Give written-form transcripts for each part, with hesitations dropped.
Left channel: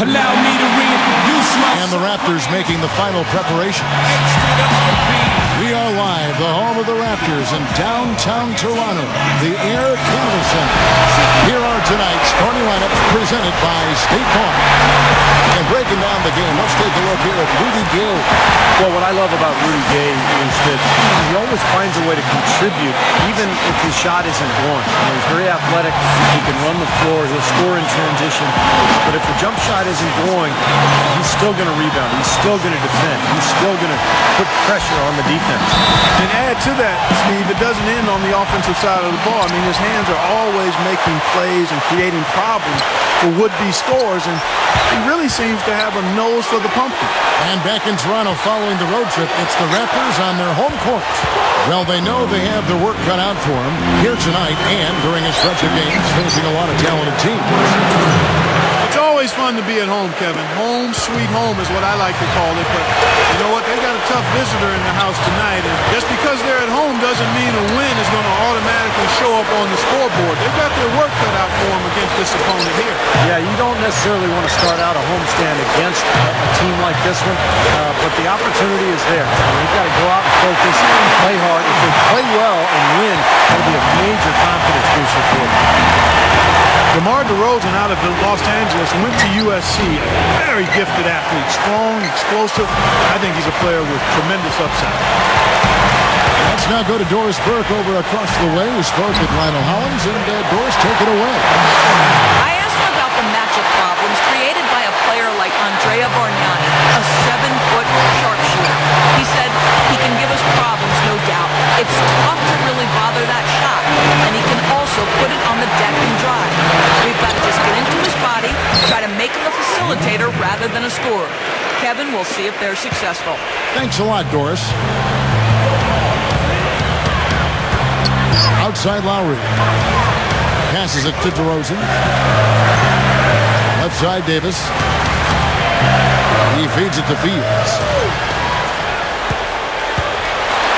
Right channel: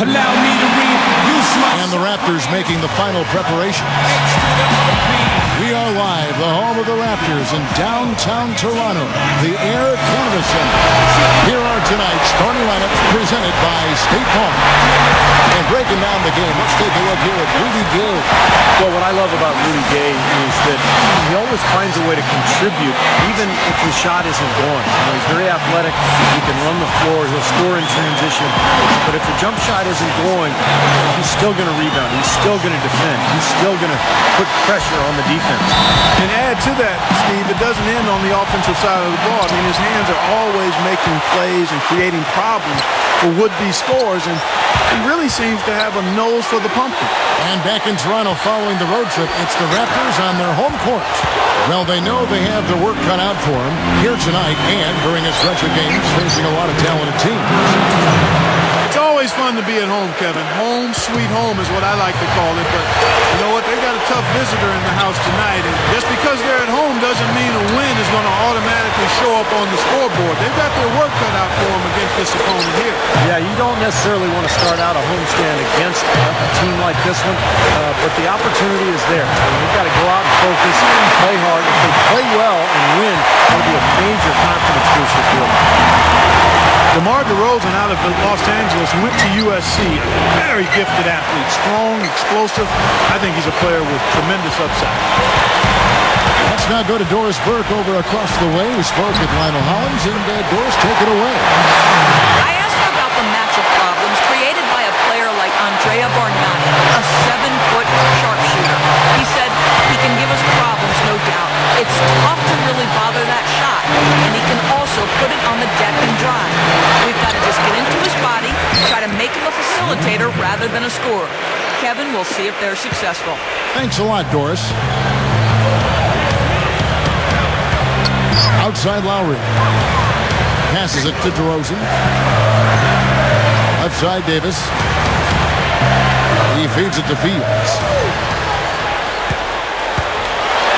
And the Raptors making the final preparations. We are live, the home of the Raptors in downtown Toronto, the Air Canada Centre. Here are tonight's starting lineups presented by State Farm. And breaking down the game, let's take a look here at Rudy Gay. Well, what I love about Rudy Gay is that he always finds a way to contribute, even if his shot isn't going. He's very athletic. He can run the floor. He'll score in transition. But if the jump shot isn't going, he's still going to rebound. He's still going to defend. He's still going to put pressure on the defense. And add to that, Steve, it doesn't end on the offensive side of the ball. I mean, his hands are always making plays and creating problems for would-be scorers, and he really seems to have a nose for the pumpkin. And back in Toronto following the road trip, it's the Raptors on their home court. Well, they know they have their work cut out for them here tonight and during a stretch of games facing a lot of talented teams. It's always fun to be at home, Kevin. Home sweet home is what I like to call it, but you know what? They've got a tough visitor in the house tonight, and just because they're at home doesn't mean a win is going to automatically show up on the scoreboard. They've got their work cut out for them against this opponent here. Yeah, you don't necessarily want to start out a homestand against a team like this one, but the opportunity is there. They've got to go out and focus, play hard. If they play well and win, that'll be a major confidence booster for them. DeMar DeRozan out of Los Angeles went to USC, a very gifted athlete, strong, explosive. I think he's a player with tremendous upside. Let's now go to Doris Burke over across the way, who spoke with Lionel Hollins, and Doris, take it away. I asked him about the matchup problems created by a player like Andrea Bargnani, a 7-foot sharpshooter. He said he can give us problems, no doubt. It's tough to really bother that shot, and he can also put it on the deck and drive. We've got to just get into his body, try to make him a facilitator rather than a scorer. Kevin, we'll see if they're successful. Thanks a lot, Doris. Outside Lowry. Passes it to DeRozan. Left side Davis. He feeds it to Fields.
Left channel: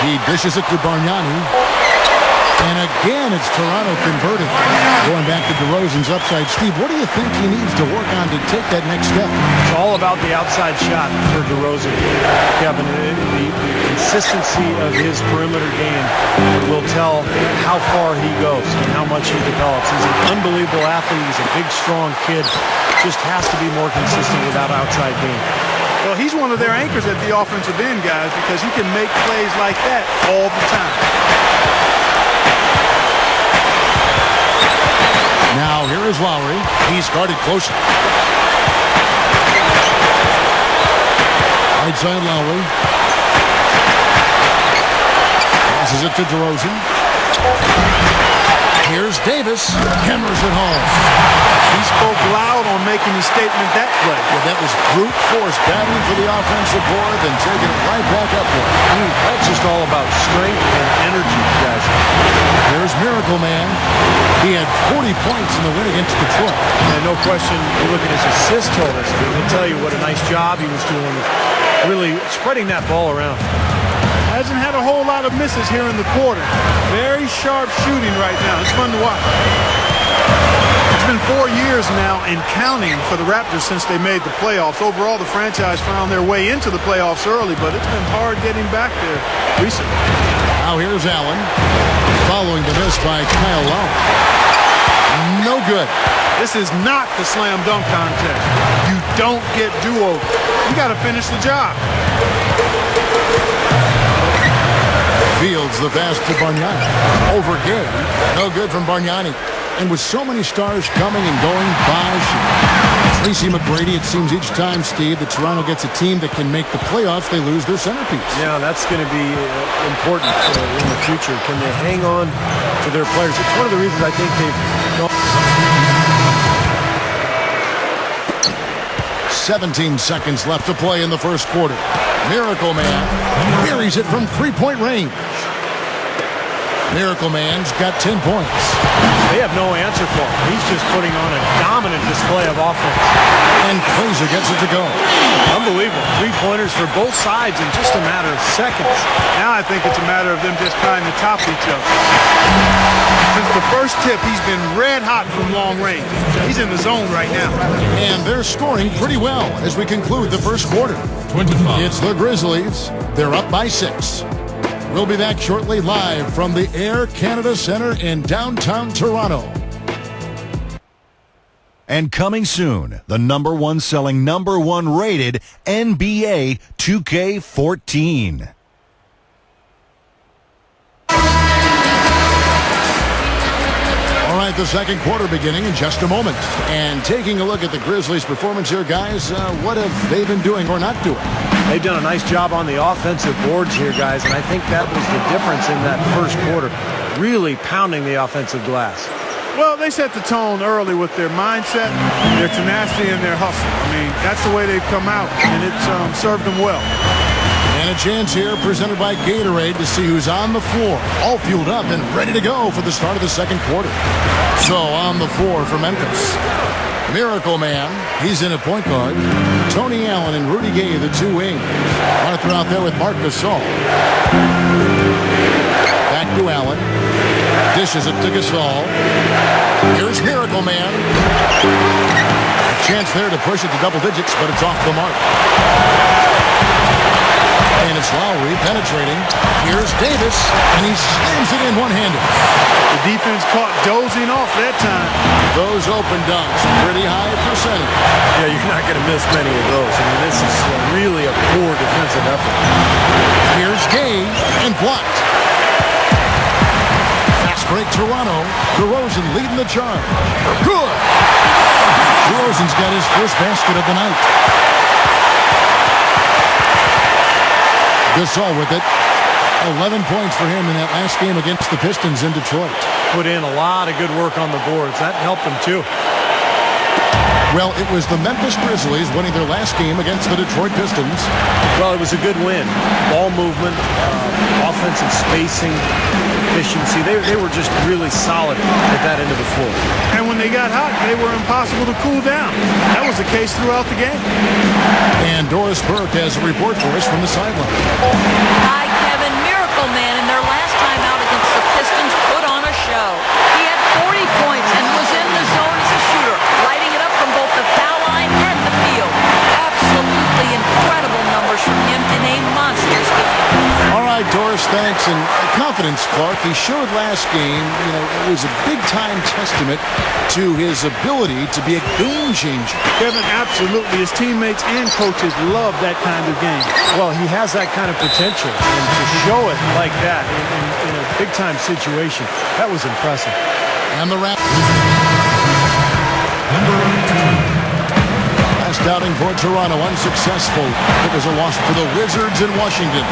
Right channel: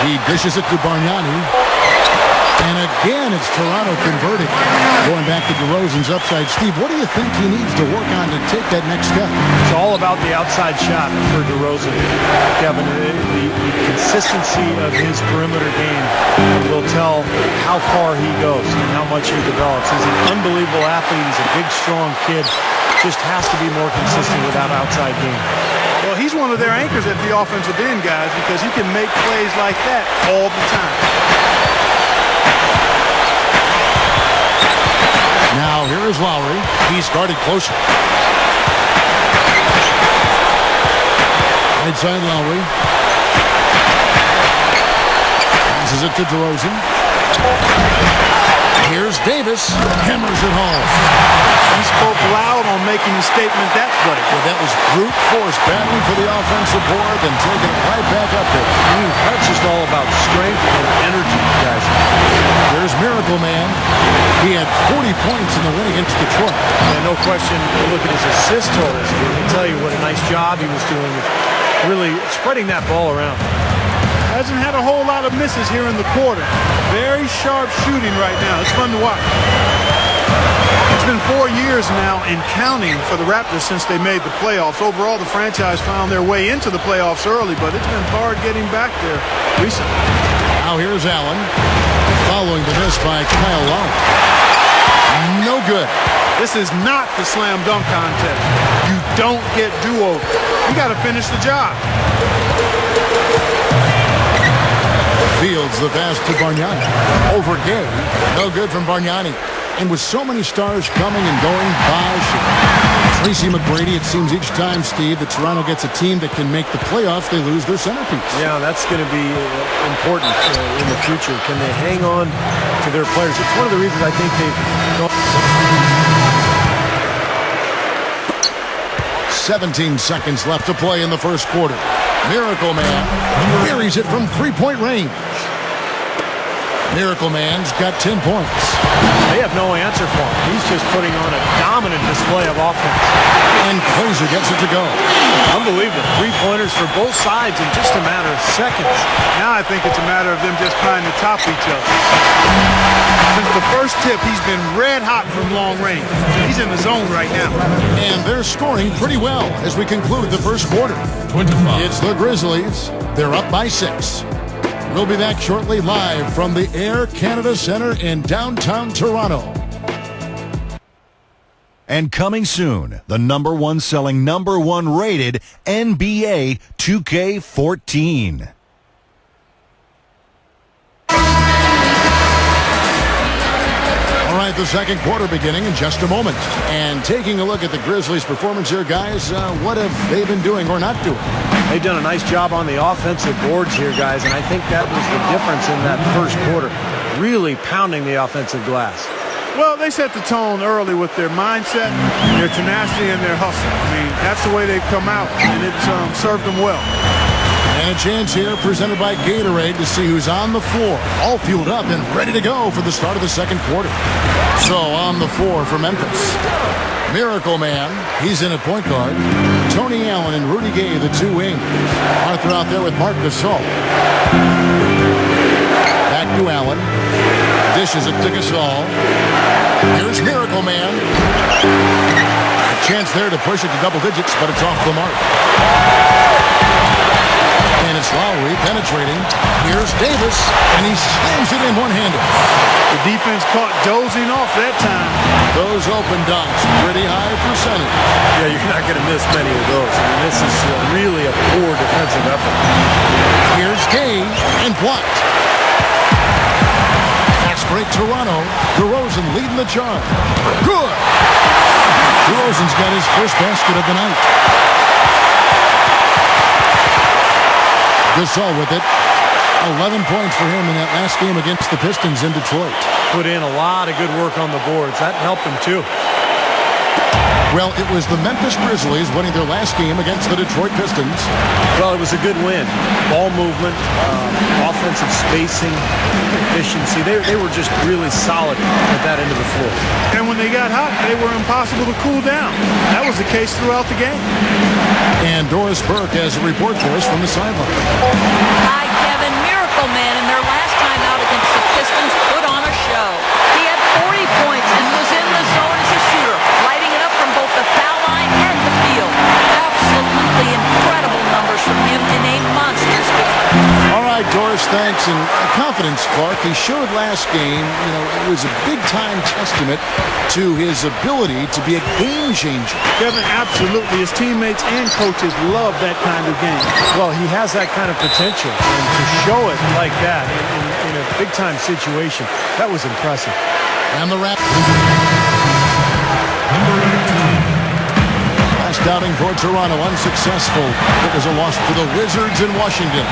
He dishes it to Bargnani. And again, it's Toronto converting. Going back to DeRozan's upside. Steve, what do you think he needs to work on to take that next step? It's all about the outside shot for DeRozan, Kevin. The consistency of his perimeter game will tell how far he goes and how much he develops. He's an unbelievable athlete. He's a big, strong kid. Just has to be more consistent with that outside game. Well, he's one of their anchors at the offensive end, guys, because he can make plays like that all the time. Now, here is Lowry. He's guarded closely. Right side Lowry. Passes it to DeRozan. Here's Davis. Hammers it home. He spoke loud on making the statement that play. Yeah, that was brute force, battling for the offensive board, then taking it right back up there. That's just all about strength and energy, guys. Here's Miracle Man. He had 40 points in the win against Detroit. And no question, you look at his assist totals, and they tell you what a nice job he was doing of really spreading that ball around. Hasn't had a whole lot of misses here in the quarter. Very sharp shooting right now. It's fun to watch. It's been 4 years now and counting for the Raptors since they made the playoffs. Overall, the franchise found their way into the playoffs early, but it's been hard getting back there recently. Now here's Allen, following the miss by Kyle Lowry. No good. This is not the slam dunk contest. You don't get do-over. You got to finish the job. Fields the pass to Bargnani. Over Gay. No good from Bargnani. And with so many stars coming and going, Bosh and Tracy McGrady, it seems each time, Steve, that Toronto gets a team that can make the playoffs, they lose their centerpiece. Yeah, that's going to be important in the future. Can they hang on to their players? It's one of the reasons I think they've gone. 17 seconds left to play in the first quarter. Miracle Man buries it from three-point range. Miracle Man's got 10 points. They have no answer for him. He's just putting on a dominant display of offense. And Glazer gets it to go. Unbelievable. Three-pointers for both sides in just a matter of seconds. Now I think it's a matter of them just trying to top each other. Since the first tip, he's been red hot from long range. He's in the zone right now. And they're scoring pretty well as we conclude the first quarter. It's the Grizzlies. They're up by 6. We'll be back shortly live from the Air Canada Centre in downtown Toronto. And coming soon, the #1 selling, #1 rated NBA 2K14. All right, the second quarter beginning in just a moment. And taking a look at the Grizzlies' performance here, guys, what have they been doing or not doing? They've done a nice job on the offensive boards here, guys, and I think that was the difference in that first quarter. Really pounding the offensive glass. Well, they set the tone early with their mindset, their tenacity, and their hustle. I mean, that's the way they've come out, and it's served them well. And a chance here presented by Gatorade to see who's on the floor, all fueled up and ready to go for the start of the second quarter. So on the floor for Memphis, Miracle Man, he's in at point guard. Tony Allen and Rudy Gay, the two wings. Arthur out there with Marc Gasol. Back to Allen. Dishes it to Gasol. Here's Miracle Man. A chance there to push it to double digits, but it's off the mark. And it's Lowry penetrating. Here's Davis, and he slams it in one-handed. The defense caught dozing off that time. Those open dunks, pretty high percentage. Yeah, you're not going to miss many of those. I mean, this is really a poor defensive effort. Here's Gay, and blocked. Fast break Toronto. DeRozan leading the charge. Good! DeRozan's got his first basket of the night. Gasol with it. 11 points for him in that last game against the Pistons in Detroit. Put in a lot of good work on the boards. That helped him, too. Well, it was the Memphis Grizzlies winning their last game against the Detroit Pistons. Well, it was a good win. Ball movement, offensive spacing, efficiency. They were just really solid at that end of the floor. And when they got hot, they were impossible to cool down. That was the case throughout the game. And Doris Burke has a report for us from the sideline. Hi, Kevin. Miracle Man in their last time out against the Pistons put on a show. He had 40 points and was in the zone as a shooter, lighting it up from both the foul line and the field. Absolutely incredible numbers from him in a monstrous game. All right, Doris, thanks. And confidence, Clark. He showed last game, it was a big-time testament to his ability to be a game changer. Kevin, absolutely. His teammates and coaches love that kind of game. Well, he has that kind of potential, and to show it like that in a big-time situation, that was impressive. And the Raptors. Last outing for Toronto, unsuccessful. It was a loss to the Wizards in Washington.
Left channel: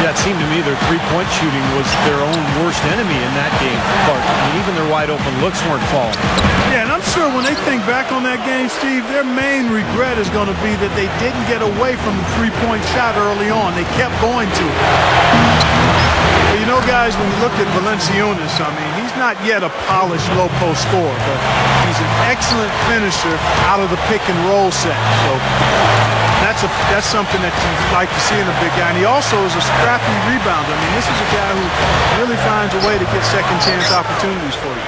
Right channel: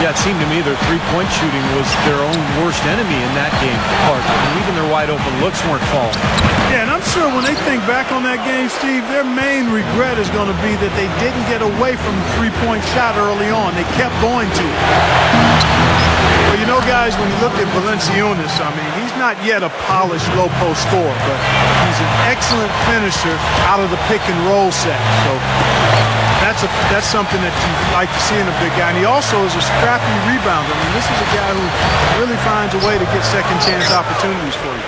Yeah, it seemed to me their three-point shooting was their own worst enemy in that game, Clark. I mean, even their wide-open looks weren't falling. Yeah, and I'm sure when they think back on that game, Steve, their main regret is going to be that they didn't get away from the three-point shot early on. They kept going to it. Well, guys, when you look at Valanciunas, I mean, he's not yet a polished low-post scorer, but he's an excellent finisher out of the pick-and-roll set. So that's something that you like to see in a big guy. And he also is a scrappy rebounder. I mean, this is a guy who really finds a way to get second-chance opportunities for you.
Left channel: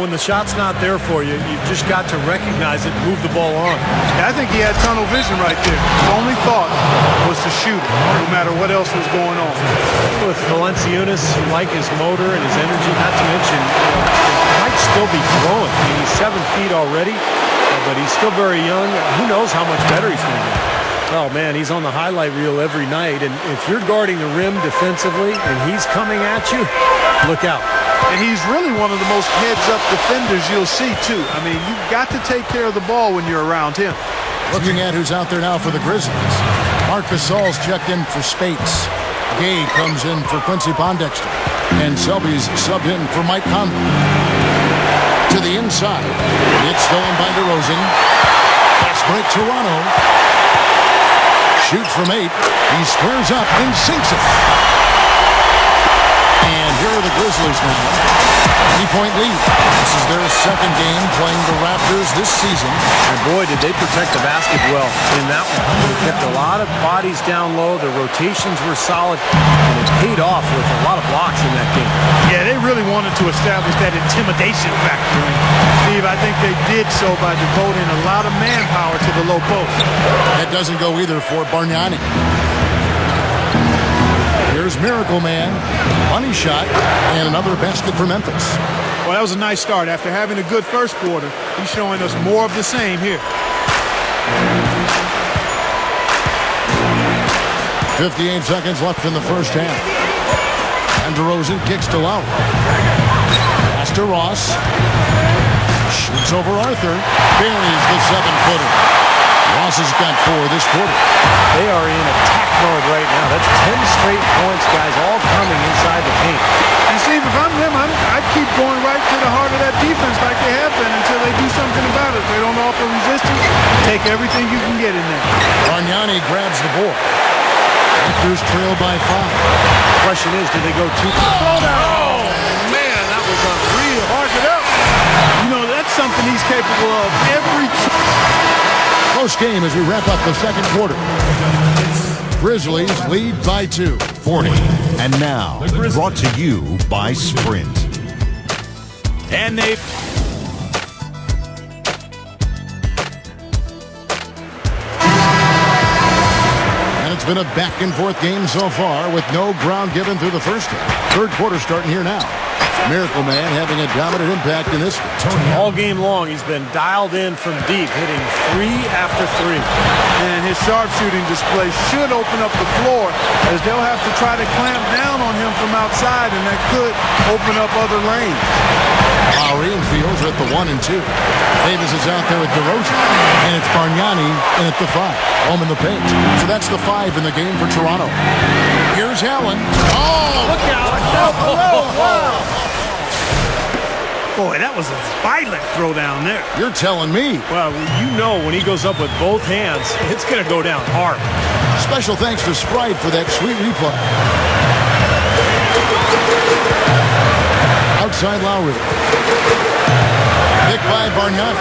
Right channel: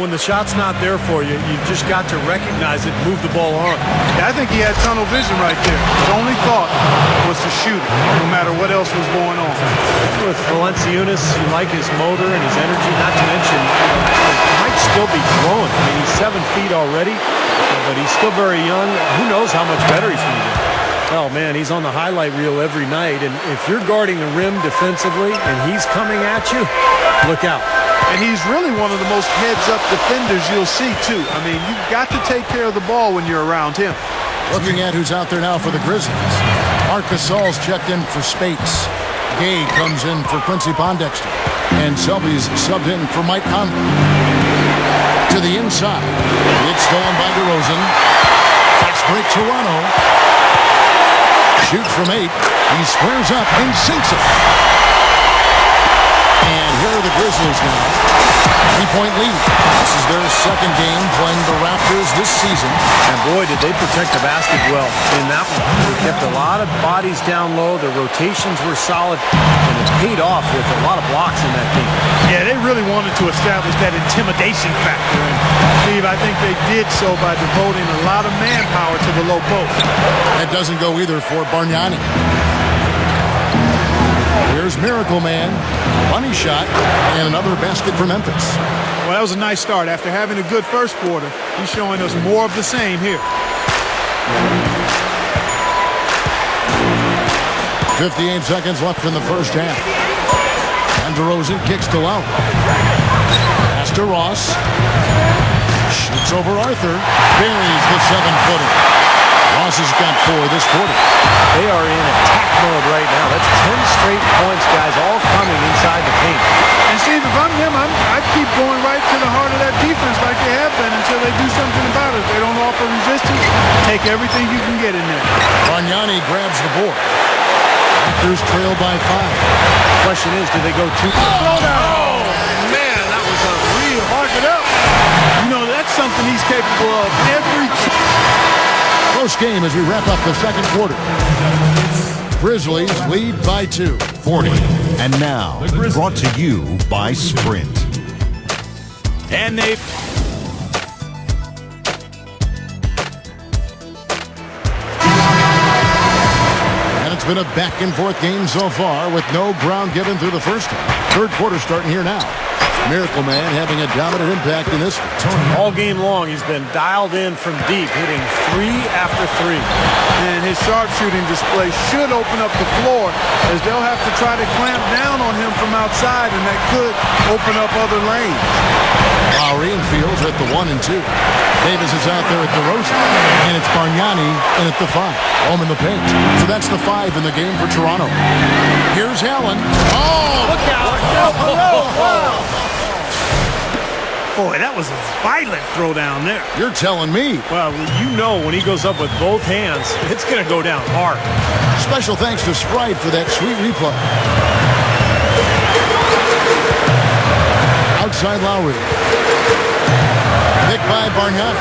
When the shot's not there for you, you've just got to recognize it and move the ball on. Yeah, I think he had tunnel vision right there. His only thought was to shoot it, no matter what else was going on. With Valanciunas, you like his motor and his energy, not to mention, he might still be growing. I mean, he's 7 feet already, but he's still very young. Who knows how much better he's going to get. Oh, man, he's on the highlight reel every night, and if you're guarding the rim defensively and he's coming at you, look out. And he's really one of the most heads-up defenders you'll see, too. I mean, you've got to take care of the ball when you're around him. Looking at who's out there now for the Grizzlies. Marc Gasol's checked in for Spates. Gay comes in for Quincy Pondexter. And Selby's subbed in for Mike Conley. To the inside. It's stolen by DeRozan. Fast break Toronto. Shoots from 8. He squares up and sinks it. And here are the Grizzlies now. 3-point lead. This is their second game playing the Raptors this season. And boy, did they protect the basket well in that one. They kept a lot of bodies down low. Their rotations were solid, and it paid off with a lot of blocks in that game. Yeah, they really wanted to establish that intimidation factor. And, Steve, I think they did so by devoting a lot of manpower to the low post. That doesn't go either for Bargnani. Here's Miracle Man. Bunny shot, and another basket for Memphis. Well, that was a nice start. After having a good first quarter, he's showing us more of the same here. 58 seconds left in the first half. And DeRozan kicks to Lowry. Pass to Ross. Shoots over Arthur. Buries the 7-footer. Ross has got 4 this quarter. They are in attack mode right now. That's 10 straight points, guys, all coming inside the paint. And, Steve, if I'm them, I'd keep going right to the heart of that defense like they have been until they do something about it. If they don't offer resistance, take everything you can get in there. Bargnani grabs the board. Raptors trail by 5. Question is, do they go too? Oh, man, that was unreal. Mark it up. You know, that's something he's capable of every Close game as we wrap up the second quarter. Grizzlies lead by 2. 40. And now, brought to you by Sprint. And they... And it's been a back-and-forth game so far with no ground given through the first half. Third quarter starting here now. Miracle Man having a dominant impact in this game. All game long, he's been dialed in from deep, hitting 3 after 3. And his sharpshooting display should open up the floor, as they'll have to try to clamp down on him from outside, and that could open up other lanes. Lowry and Fields are at the 1 and 2. Davis is out there at DeRozan. And it's Bargnani in at the 5. Home in the paint. So that's the 5 in the game for Toronto. Here's Allen. Oh! Look out! Wow! Boy, that was a violent throw down there. You're telling me. Well, you know when he goes up with both hands, it's going to go down hard. Special thanks to Sprite for that sweet replay. Outside Lowry. Picked by Bargnani.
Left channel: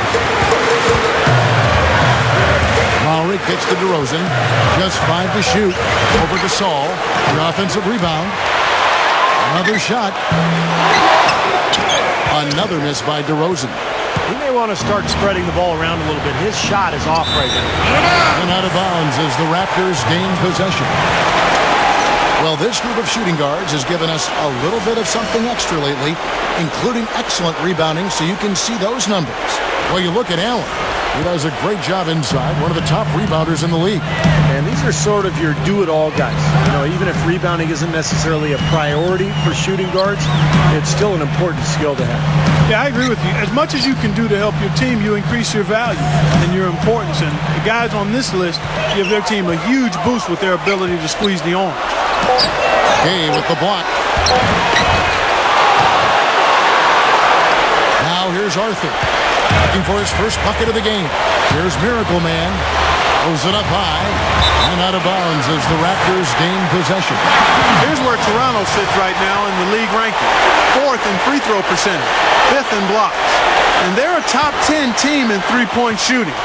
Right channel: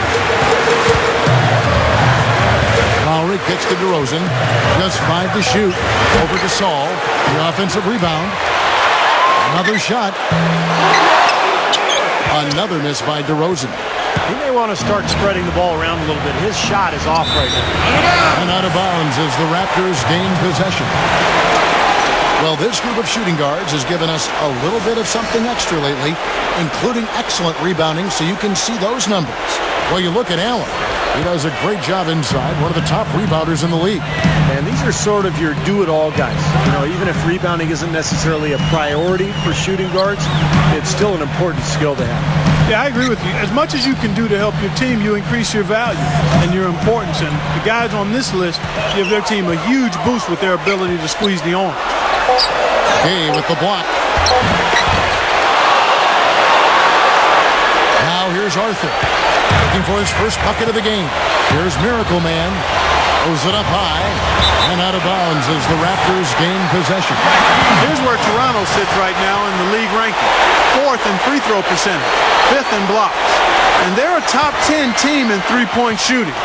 Lowry kicks to DeRozan. Just 5 to shoot. Over to Saul. The offensive rebound. Another shot. Another miss by DeRozan. He may want to start spreading the ball around a little bit. His shot is off right now. And out of bounds as the Raptors gain possession. Well, this group of shooting guards has given us a little bit of something extra lately, including excellent rebounding, so you can see those numbers. Well, you look at Allen. He does a great job inside, one of the top rebounders in the league. And these are sort of your do-it-all guys. You know, even if rebounding isn't necessarily a priority for shooting guards, it's still an important skill to have. Yeah, I agree with you. As much as you can do to help your team, you increase your value and your importance. And the guys on this list give their team a huge boost with their ability to squeeze the arm. Hey, with the block. Now here's Arthur. Looking for his first bucket of the game. Here's Miracle Man. Throws it up high and out of bounds as the Raptors gain possession. Here's where Toronto sits right now in the league rankings. 4th in free throw percentage, 5th in blocks. And they're a top 10 team in three-point shooting.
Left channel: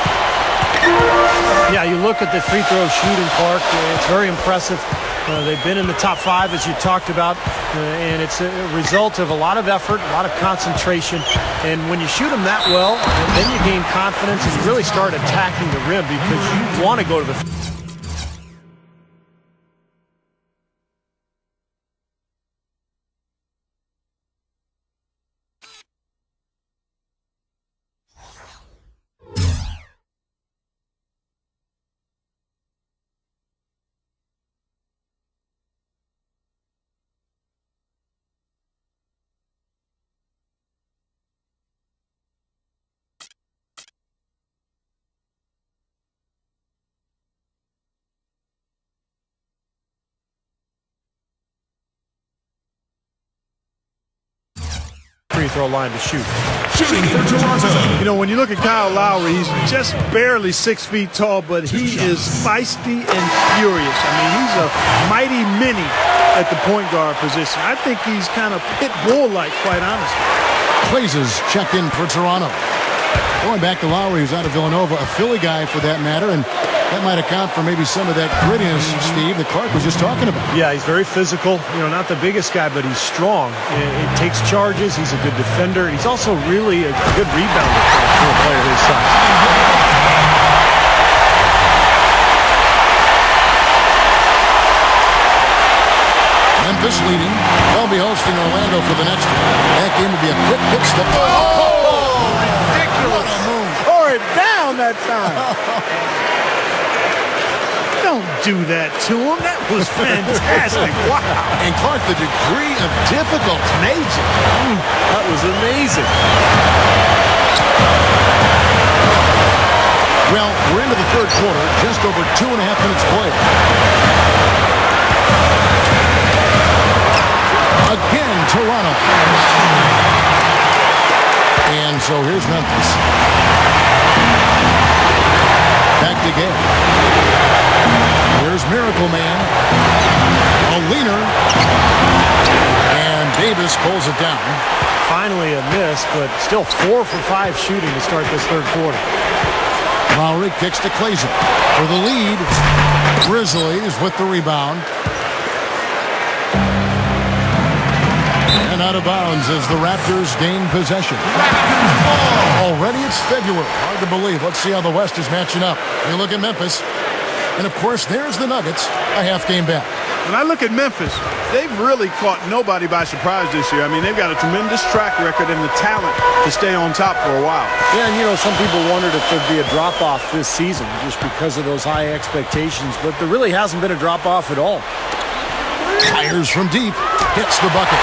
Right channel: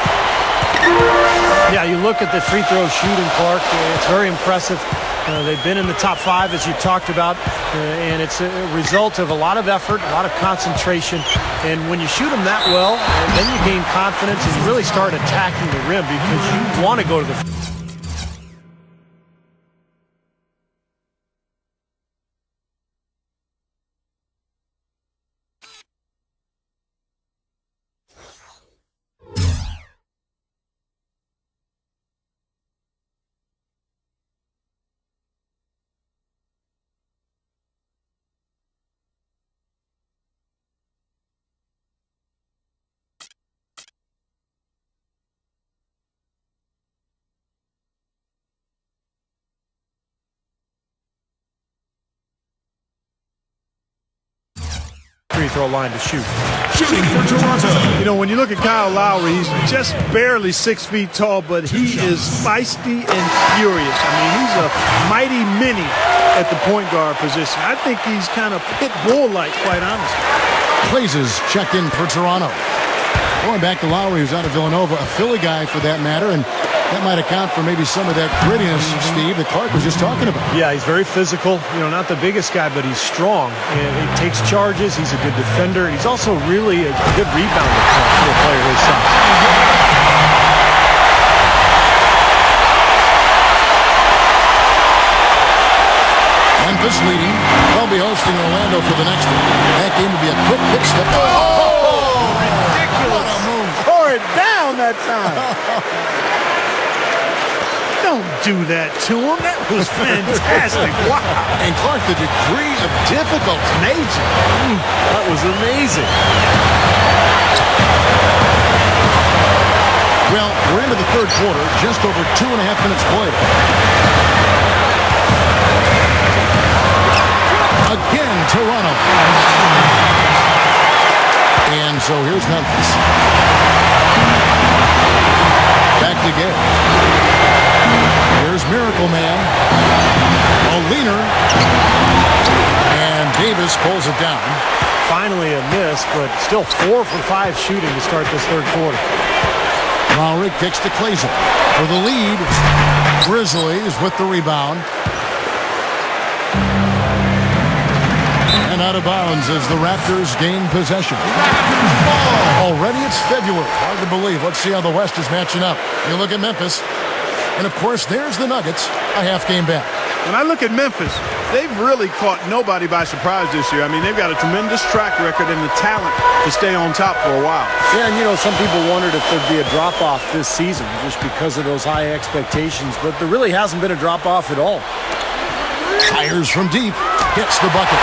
Yeah, you look at the free throw shooting, Clark. It's very impressive. They've been in the top 5, as you talked about, and it's a result of a lot of effort, a lot of concentration. And when you shoot them that well, then you gain confidence and you really start attacking the rim because you want to go to the... free throw line to shoot. You know, when you look at Kyle Lowry, he's just barely 6 feet tall, but he is feisty and furious. I mean, he's a mighty mini at the point guard position. I think he's kind of pit bull-like, quite honestly. Clays checked in for Toronto. Going back to Lowry, who's out of Villanova, a Philly guy for that matter, and that might account for maybe some of that grittiness, Steve, that Clark was just talking about. Yeah, he's very physical. You know, not the biggest guy, but he's strong. He takes charges. He's a good defender. He's also really a good rebounder for a player his size. Memphis leading. They'll be hosting Orlando for the next one. That game will be a quick pitch step. Oh, ridiculous. What a move. Tore it down that time. Don't do that to him. That was fantastic. Wow. And Clark, the degree of difficulty. Major. That was amazing. Well, we're into the third quarter. Just over 2.5 minutes played. Again, Toronto. And so here's Memphis. Back to Gay. Here's Miracle Man. A leaner. And Davis pulls it down. Finally a miss, but still 4 for 5 shooting to start this third quarter. Lowry kicks to Clays for the lead. Grizzlies with the rebound. And out of bounds as the Raptors gain possession. Already it's February. Hard to believe. Let's see how the West is matching up. You look at Memphis. And, of course, there's the Nuggets, a half game back. When I look at Memphis, they've really caught nobody by surprise this year. I mean, they've got a tremendous track record and the talent to stay on top for a while. Yeah, and, you know, some people wondered if there'd be a drop-off this season just because of those high expectations. But there really hasn't been a drop-off at all. Fires from deep. Hits the bucket.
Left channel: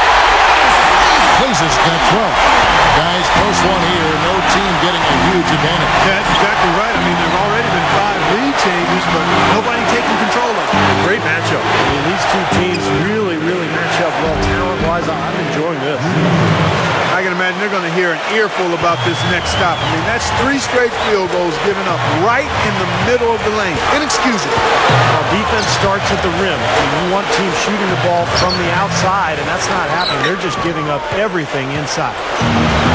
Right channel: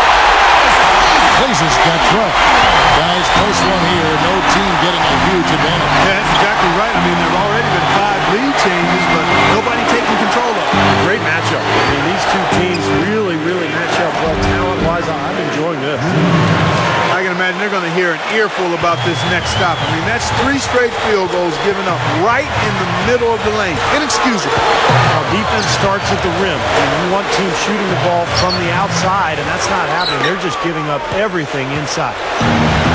Clays has got 12. Guys, close one here. No team getting a huge advantage. Yeah, that's exactly right. I mean, there have already been 5 lead changes, but nobody taking control of it. A great matchup. I mean, these two teams really match up well talent-wise. I'm enjoying this. I can imagine they're going to hear an earful about this next stop. I mean, that's 3 straight field goals given up right in the middle of the lane. Inexcusable. Now, defense starts at the rim. I mean, you want teams shooting the ball from the outside, and that's not happening. They're just giving up everything inside.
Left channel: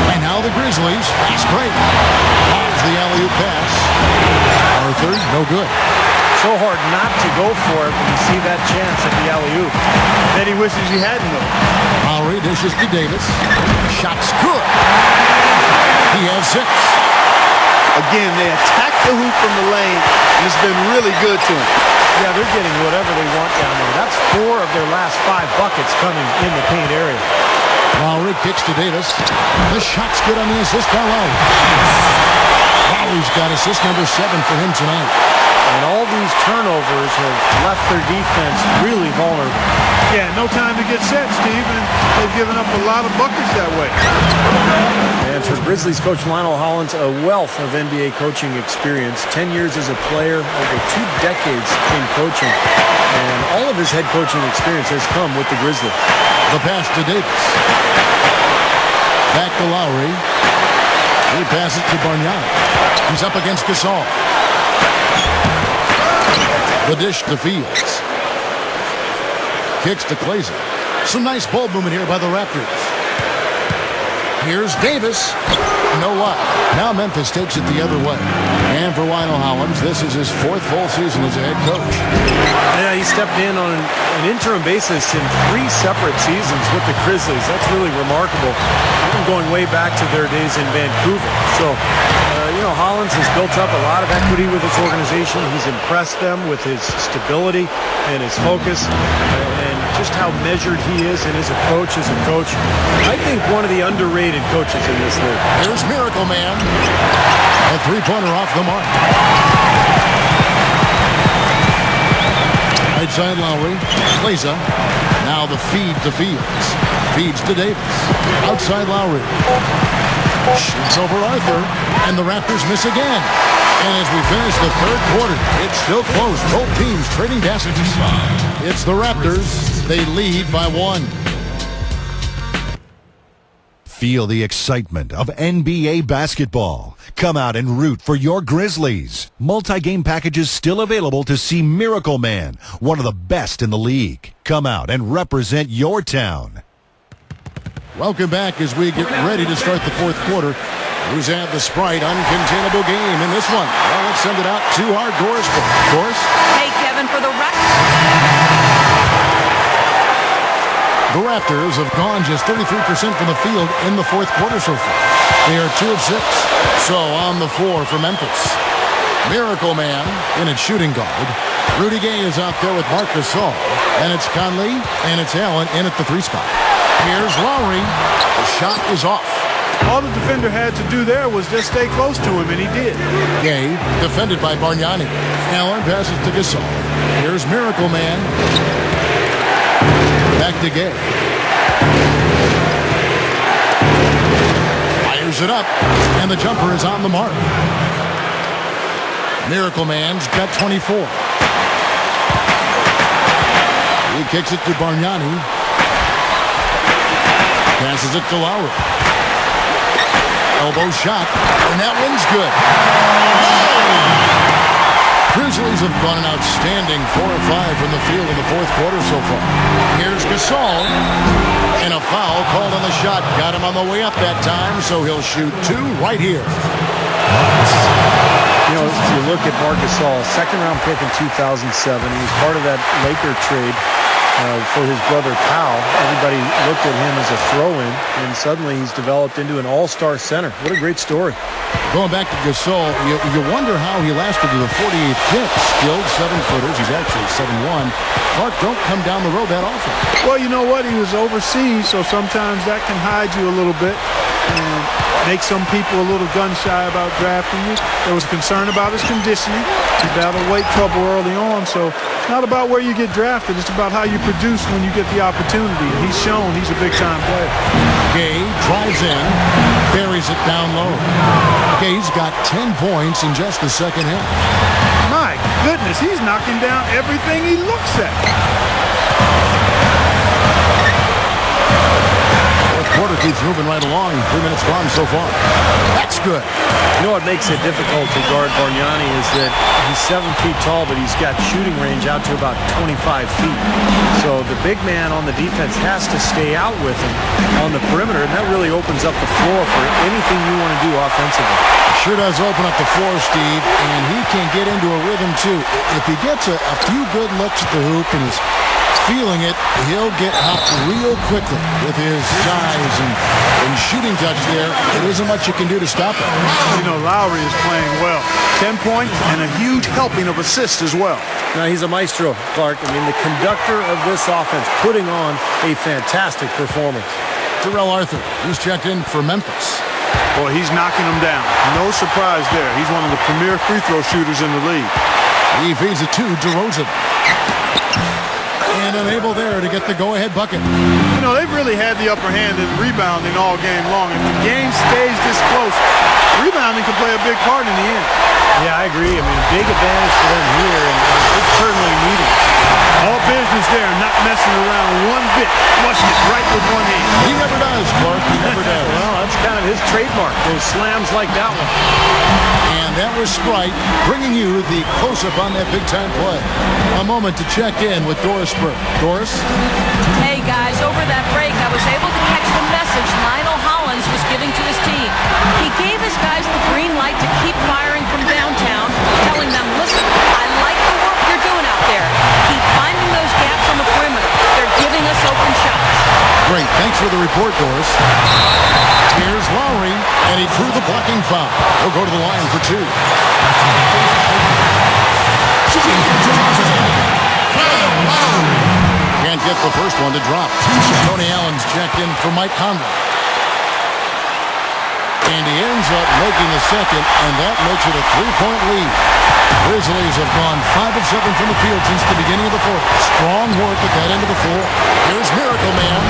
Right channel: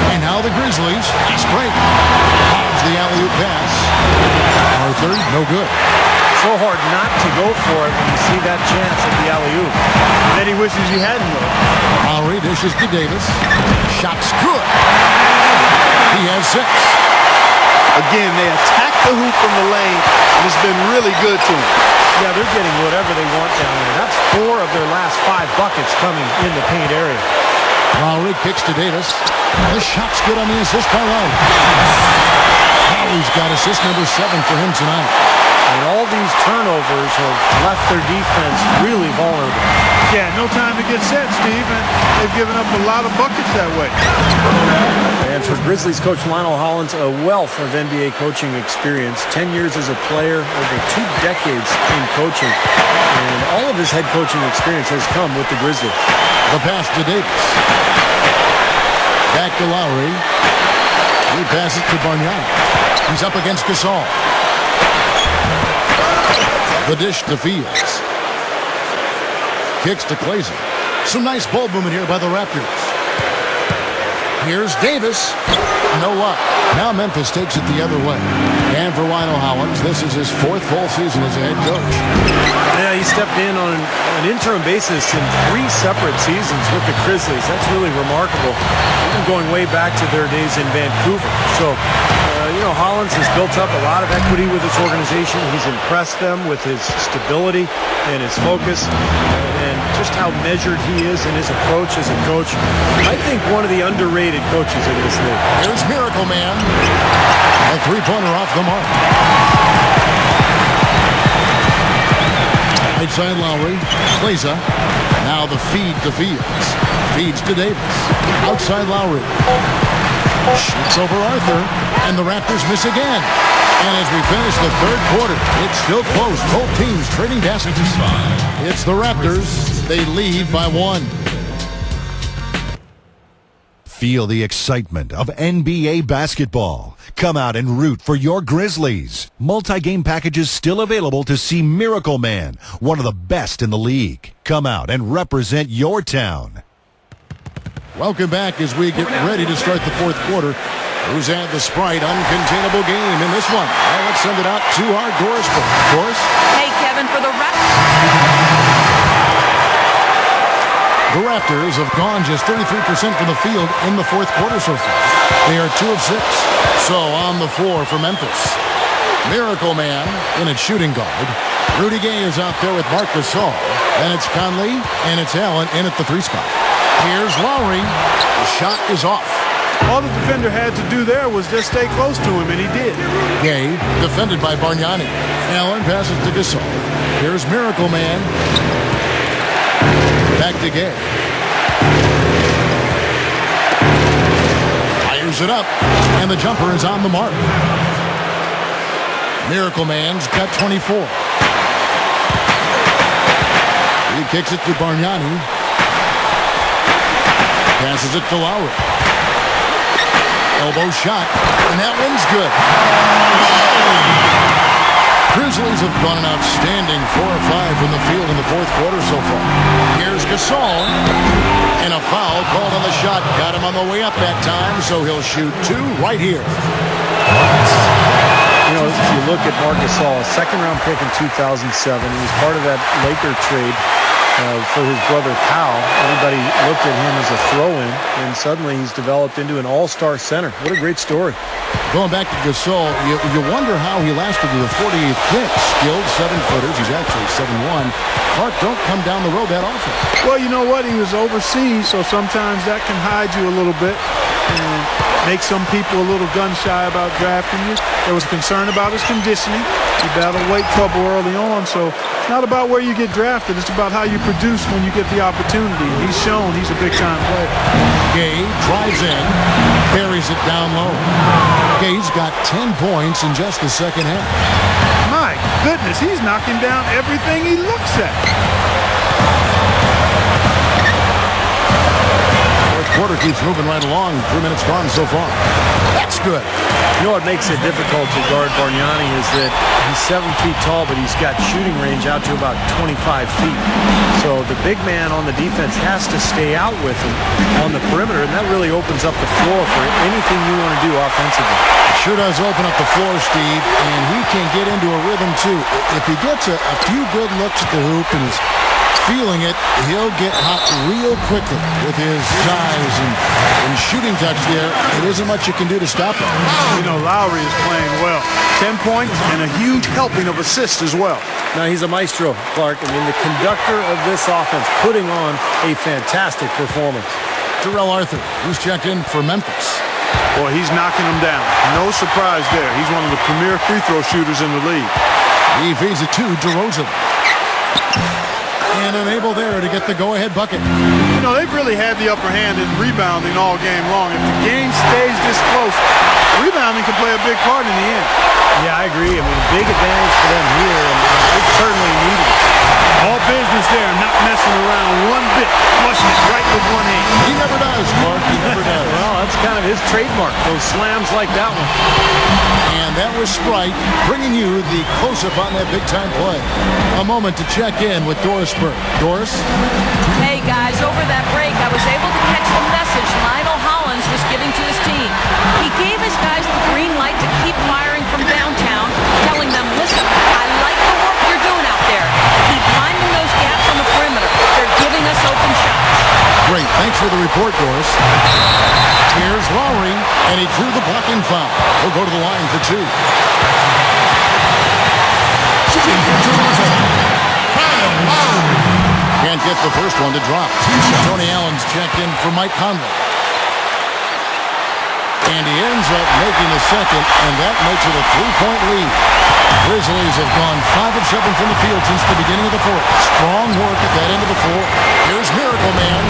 And now the Grizzlies. Fast break. Hobbs the alley-oop pass. Arthur, no good. So hard not to go for it when you see that chance at the alley-oop. Bet he wishes he hadn't, though. Lowry dishes to Davis. Shot's good. He has 6. Again, they attack the hoop from the lane, and it's been really good to them. Yeah, they're getting whatever they want down there. That's 4 of their last 5 buckets coming in the paint area. Lowry kicks to Davis. The shot's good on the assist by Lowry. Lowry's got assist number 7 for him tonight. And all these turnovers have left their defense really vulnerable. Yeah, no time to get set, Steve, and they've given up a lot of buckets that way. And for Grizzlies coach Lionel Hollins, a wealth of NBA coaching experience. 10 years as a player, over 2 decades in coaching. And all of his head coaching experience has come with the Grizzlies. The pass to Davis. Back to Lowry. He passes to Bargnani. He's up against Gasol. The dish to Fields. Kicks to Clays. Some nice ball movement here by the Raptors. Here's Davis. No luck. Now Memphis takes it the other way. And for Lionel Hollins, this is his 4th full season as a head coach. Yeah, he stepped in on an interim basis in 3 separate seasons with the Grizzlies. That's really remarkable. Even going way back to their days in Vancouver. So, you know, Hollins has built up a lot of equity with this organization. He's impressed them with his stability and his focus and just how measured he is in his approach as a coach. I think one of the underrated coaches in this league. Here's Miracle Man. A 3-pointer off the mark. Right side Lowry. Clays. Now the feed to Fields. Feeds to Davis. Outside Lowry. Shoots over Arthur. And the Raptors miss again. And as we finish the third quarter, it's still close. Both teams trading baskets. It's the Raptors. They lead by 1. Feel the excitement of NBA basketball. Come out and root for your Grizzlies. Multi-game packages still available to see Miracle Man, one of the best in the league. Come out and represent your town. Welcome back as we get ready to start the fourth quarter. Who's had the Sprite uncontainable game in this one? Well, let's send it out to our Doris. Doris? Hey, Kevin, for the The Raptors have gone just 33% from the field in the fourth quarter so far. They are 2 of 6. So on the floor for Memphis. Miracle Man in at shooting guard. Rudy Gay is out there with Marc Gasol. Then it's Conley and it's Allen in at the 3 spot. Here's Lowry. The shot is off. All the defender had to do there was just stay close to him, and he did. Gay defended by Bargnani. Allen passes to Gasol. Here's Miracle Man. Back to Gay. Fires it up, and the jumper is on the mark. Miracle Man's got 24. He kicks it to Bargnani. Passes it to Lowry. Elbow shot, and that one's good. Grizzlies have gone an outstanding 4 of 5 from the field in the fourth quarter so far. Here's Gasol, and a foul called on the shot. Got him on the way up that time, so he'll shoot 2 right here. You know, you look at Marc Gasol, a second-round pick in 2007. He was part of that Laker trade for his brother Powell. Everybody looked at him as a throw-in, and suddenly he's developed into an all-star center. What a great story. Going back to Gasol, you wonder how he lasted to the 48th pick. Skilled 7-footers. He's actually 7'1". Clark, don't come down the road that often. Well, you know what? He was overseas, so sometimes that can hide you a little bit and make some people a little gun-shy about drafting you. There was concern about his conditioning. He battled weight trouble early on, so it's not about where you get drafted. It's about how you produce when you get the opportunity. And he's shown he's a big-time player. Gay drives in, buries it down low. Gay's got 10 points in just the second half. My goodness, he's knocking down everything he looks at. Fourth quarter keeps moving right along. 3 minutes gone so far. That's good. You know what makes it difficult to guard Bargnani is that he's 7 feet tall, but he's got shooting range out to about 25 feet. So the big man on the defense has to stay out with him on the perimeter, and that really opens up the floor for anything you want to do offensively. It sure does open up the floor, Steve, and he can get into a rhythm, too. If he gets a few good looks at the hoop and is feeling it, he'll get hot real quickly with his size and shooting touch there. It isn't much you can do to stop him. You know, Lowry is playing well. 10 points and a huge helping of assists as well. Now, he's a maestro, Clark. I mean, the conductor of this offense, putting on a fantastic performance. Terrell Arthur, he's checked in for Memphis. Boy, he's knocking them down. No surprise there. He's one of the premier free throw shooters in the league. He feeds it to DeRozan. And unable there to get the go-ahead bucket. You know, they've really had the upper hand in rebounding all game long. If the game stays this close, rebounding could play a big part in the end. Yeah, I agree. I mean, a big advantage for them here, and it's certainly needed it. All business there, not messing around one bit. Flushing it right with one hand. He never does, Clark. He never does. Well, that's kind of his trademark, those slams like that one. And that was Sprite bringing you the close-up on that big-time play. A moment to check in with Doris Burke. Doris? Hey, guys, over that break, I was able to catch the message Lionel Hollins was giving to his team. He gave his guys the green light to keep firing from downtown, telling them, listen, I like the work you're doing out there. Keep finding those gaps on the perimeter. They're giving us open shots. Great. Thanks for the report, Doris. Here's Lowry, and he drew the blocking foul. He'll go to the line for 2. Can't get the first one to drop. Tony Allen's checked in for Mike Conley. And he ends up making the second, and that makes it a 3-point lead. Grizzlies have gone 5 of 7 from the field since the beginning of the fourth. Strong work at that end of the floor. Here's Miracle Man.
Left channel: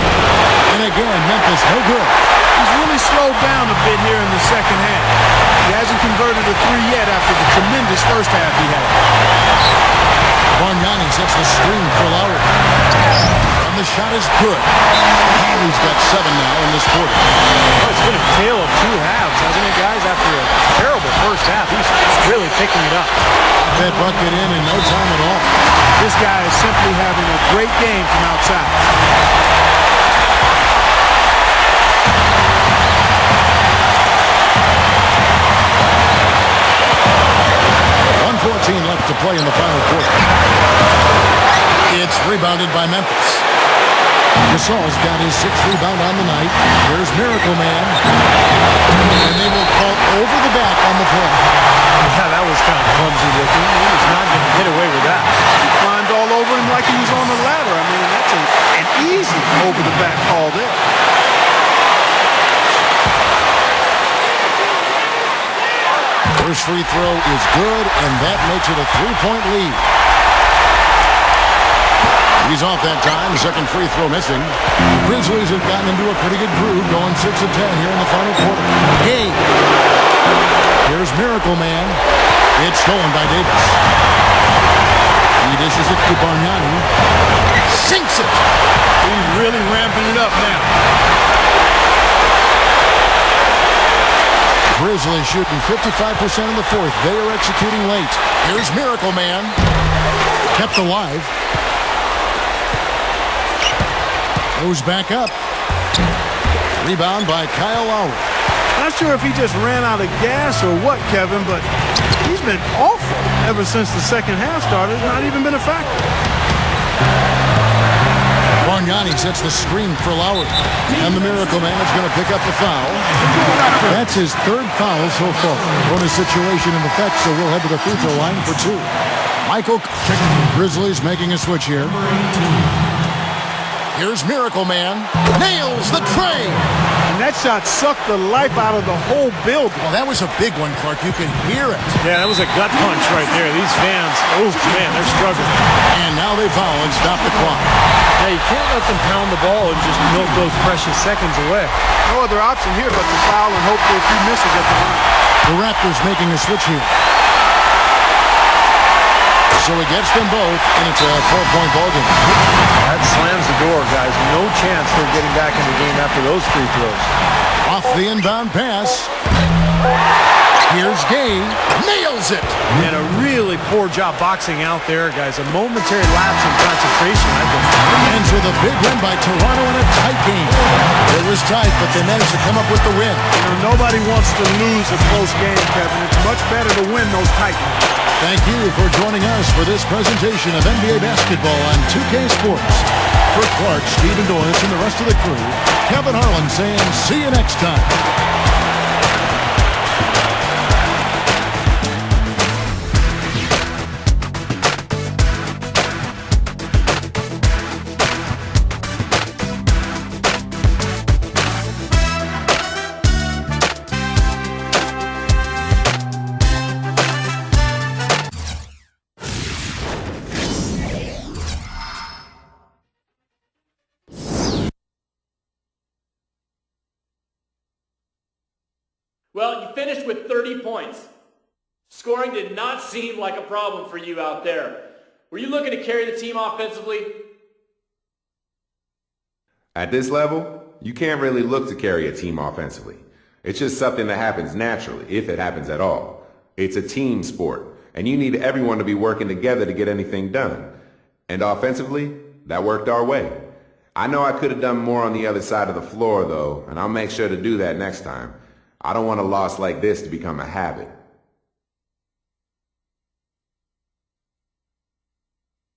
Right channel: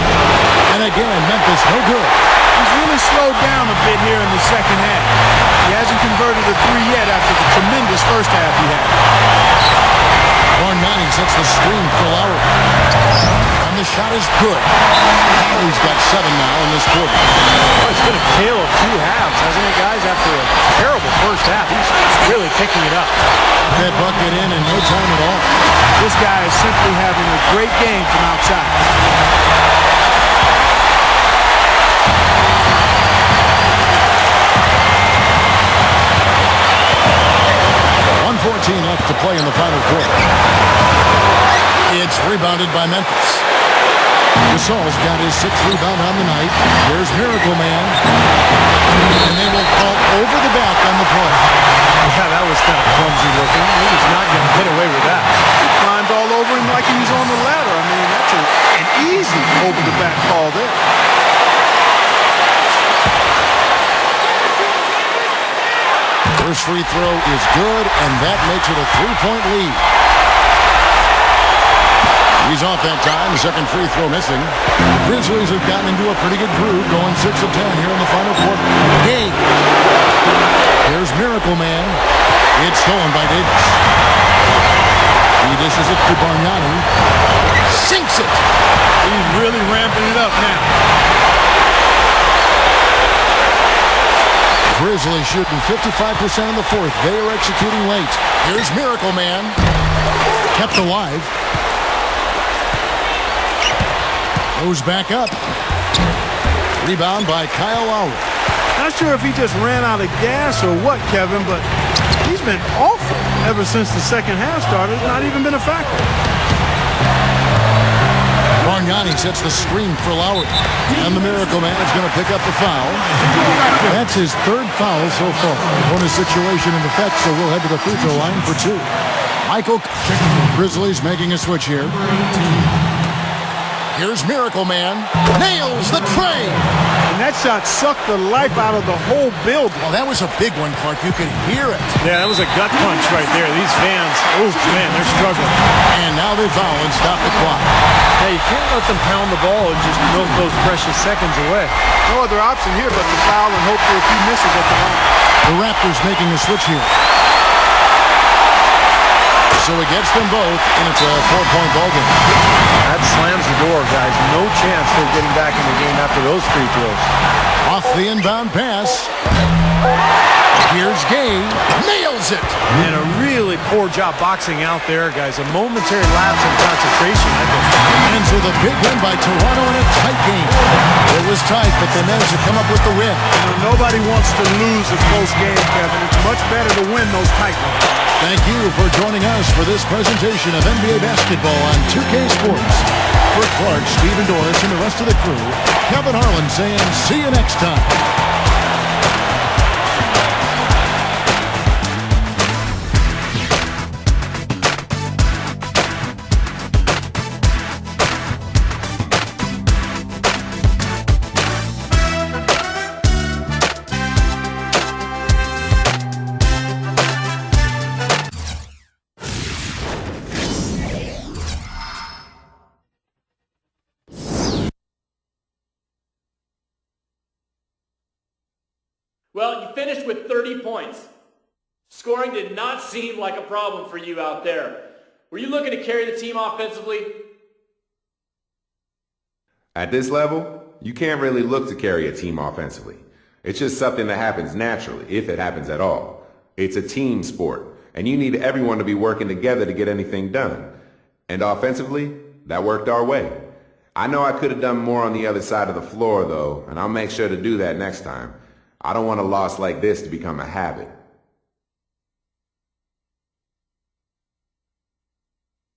And again, Memphis no good. He's really slowed down a bit here in the second half. He hasn't converted a 3 yet after the tremendous first half he had. Bargnani sets the screen for Lowry. And the shot is good. Lowry's got 7 now in this quarter. Oh, it's been a tale of 2 halves, hasn't it, guys? After a terrible first half, he's really picking it up. Got that bucket in no time at all. This guy is simply having a great game from outside. 1:14 left to play in the final quarter. It's rebounded by Memphis. Gasol's got his 6th rebound on the night. Here's Miracle Man. And they will call over the back on the play. Yeah, that was kind of clumsy looking. He was not going to get away with that. He climbed all over him like he was on the ladder. I mean, that's an easy over-the-back call there. First free throw is good, and that makes it a 3-point lead. He's off that time. The second free throw missing. The Grizzlies have gotten into a pretty good groove, going 6 of 10 here in the final quarter. Hey! Here's Miracle Man. It's stolen by Davis. He dishes it to Bargnani. Sinks it! He's really ramping it up now. Grizzlies shooting 55% in the fourth. They are executing late. Here's Miracle Man. Kept alive. Goes back up. Rebound by Kyle Lowry. Not sure if he just ran out of gas or what, Kevin, but he's been awful ever since the second half started. Not even been a factor. Bargnani sets the screen for Lowry. And the Miracle Man is going to pick up the foul. That's his 3rd foul so far. Bonus situation in effect, so we'll head to the free throw line for 2. Michael, Grizzlies making a switch here. Here's Miracle Man. Nails the tray. And that shot sucked the life out of the whole building. Oh, that was a big one, Clark. You could hear it. Yeah, that was a gut punch right there. These fans, oh, man, they're struggling. And now they foul and stop the clock. Yeah, you can't let them pound the ball and just milk those precious seconds away. No other option here but to foul and hope for a few misses at the line. The Raptors making a switch here. So it gets them both, and it's a 4-point ball game. That slams the door, guys. No chance they're getting back in the game after those free throws. Off the inbound pass. Here's Gay. Nails it. And a really poor job boxing out there, guys. A momentary lapse in concentration, I think. And so the big win by Toronto in a tight game. It was tight, but they managed to come up with the win. You know, nobody wants to lose a close game, Kevin. It's much better to win those tight ones. Thank you for joining us for this presentation of NBA basketball on 2K Sports. For Clark, Steve and Doris, and the rest of the crew, Kevin Harlan saying see you next time. Well, you finished with 30 points. Scoring did not seem like a problem for you out there. Were you looking to carry the team offensively? At this level, you can't really look to carry a team offensively. It's just something that happens naturally, if it happens at all. It's a team sport, and you need everyone to be working together to get anything done. And offensively, that worked our way. I know I could have done more on the other side of the floor, though, and I'll make sure to do that next time. I don't want a loss like this to become a habit.